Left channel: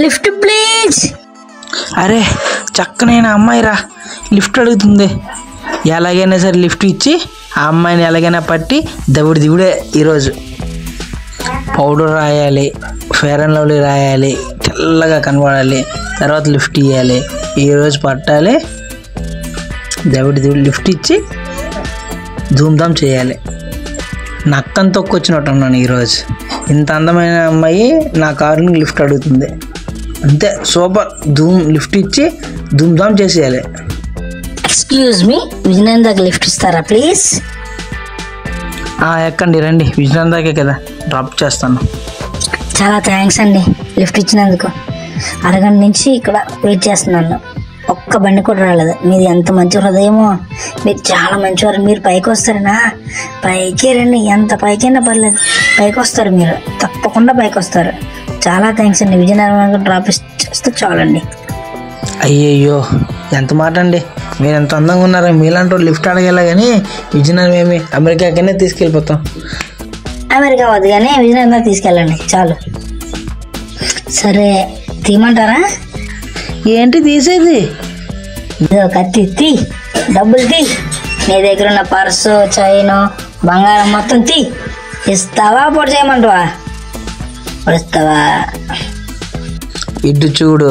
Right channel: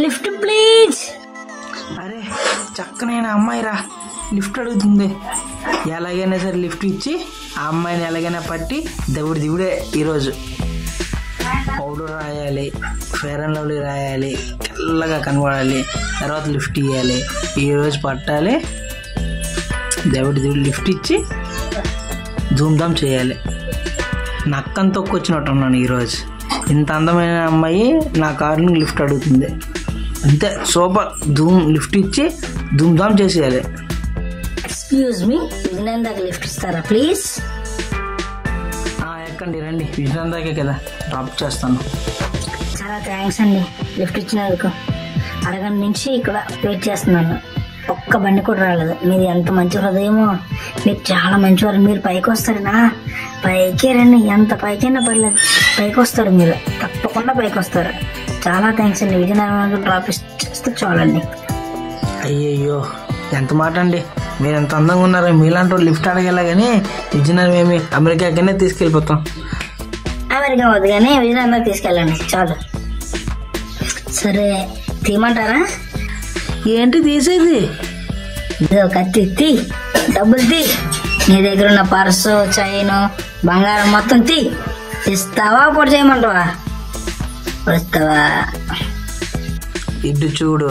Lift please. అరే చక్కనైన అమ్మాయిరా, lift అడుగుతుంది. ఎలాగైనా సరే లిఫ్ట్ ఇచ్చి ఆ అమ్మాయిని ఎలాగైనా పట్టి దిగుడే ఈరోజు. పౌడర్ రాయాలి, ఫెయిర్ అండ్ లవ్లీ రాయాలి, తెల్లగా కనబడాలి, తర్వాత లిఫ్ట్ ఇవ్వాలి. ఈరోజు పట్టాలి, దిగుడు లిఫ్ట్ ఇచ్చి ధూమ్ధామ్ చేయాలి. నక్కని తొక్కొచ్చినట్టు ఉన్నాను ఈరోజు. ఇంత అందమైన అమ్మాయి నా కారుని లిఫ్ట్ అడుగుతుంది. అంతే, సూపర్. లిఫ్ట్ ఇచ్చి ధూమ్ధామ్ చేసేయాలి. ఎక్స్క్యూజ్ మీ, విజయనందకి లిఫ్ట్ ఇస్తారా ప్లీజ్? ఎక్కండి, రండి. విజయనందకే కదా డ్రాప్ చేస్తాను. చాలా థ్యాంక్స్ అండి లిఫ్ట్ ఇచ్చినందుకు. అరగంట నుంచి ఇక్కడ వెయిట్ చేస్తున్నాను, ఒక్క బండి కూడా రాలేదు. మీది ఎంత మంచి హృదయమో, మీరు చాలా మంచివారు. మీరు పైకి వస్తారనా? పైకి రండి, ఎంత పైకైనా పర్లేదు, పైకి వస్తారు మీరు, తప్పకుండా పైకి వస్తారు. చాలా థ్యాంక్స్ అండి. విజయనగరం డ్రాప్ చేస్తే చాలండి. అయ్యయ్యో, ఎంత మాట అండి. మీరు ఎంత అందంగా ఉన్నారా, మీలాంటి వాళ్ళు లిఫ్ట్ అడగల. కానీ విజయనగరం ఏమి అమెరికాకనే తీసుకెళ్ళిపోతాం. అమెరికా వద్దు కానీ విజయనగరం తీసుకెళ్ళండి చాలు. సరే తీయమంటారా? ఏంటి తీసేది? ఇదో కత్తి తీ, డబ్బులు తీ, నీ దగ్గర ఉన్న పర్సు, చైను, బంగారం మొత్తం తీ. ఇస్తావా పొడి చేయమంటావా? ఇస్తావా? ఇటు చూడు,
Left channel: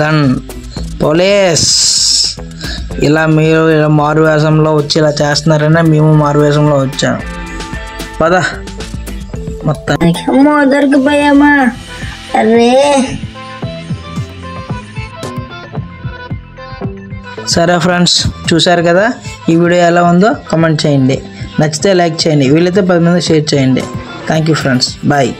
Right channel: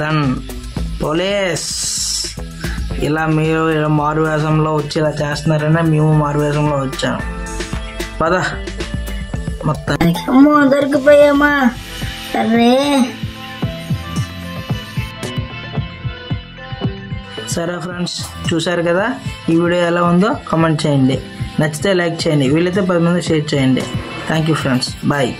గన్, పోలీస్. ఇలా మీరు ఇలా మారు వేషంలో వచ్చి ఇలా చేస్తున్నారనే మేము మారు వేషంలో వచ్చాము. పదా మొత్తానికి. అమ్మో దొరికిపోయామా? అరే సరే ఫ్రెండ్స్, చూసారు కదా ఈ వీడియో ఎలా ఉందో కామెంట్ చేయండి. నచ్చితే లైక్ చేయండి, వీలైతే 10 మంది షేర్ చేయండి. Thank you friends, bye.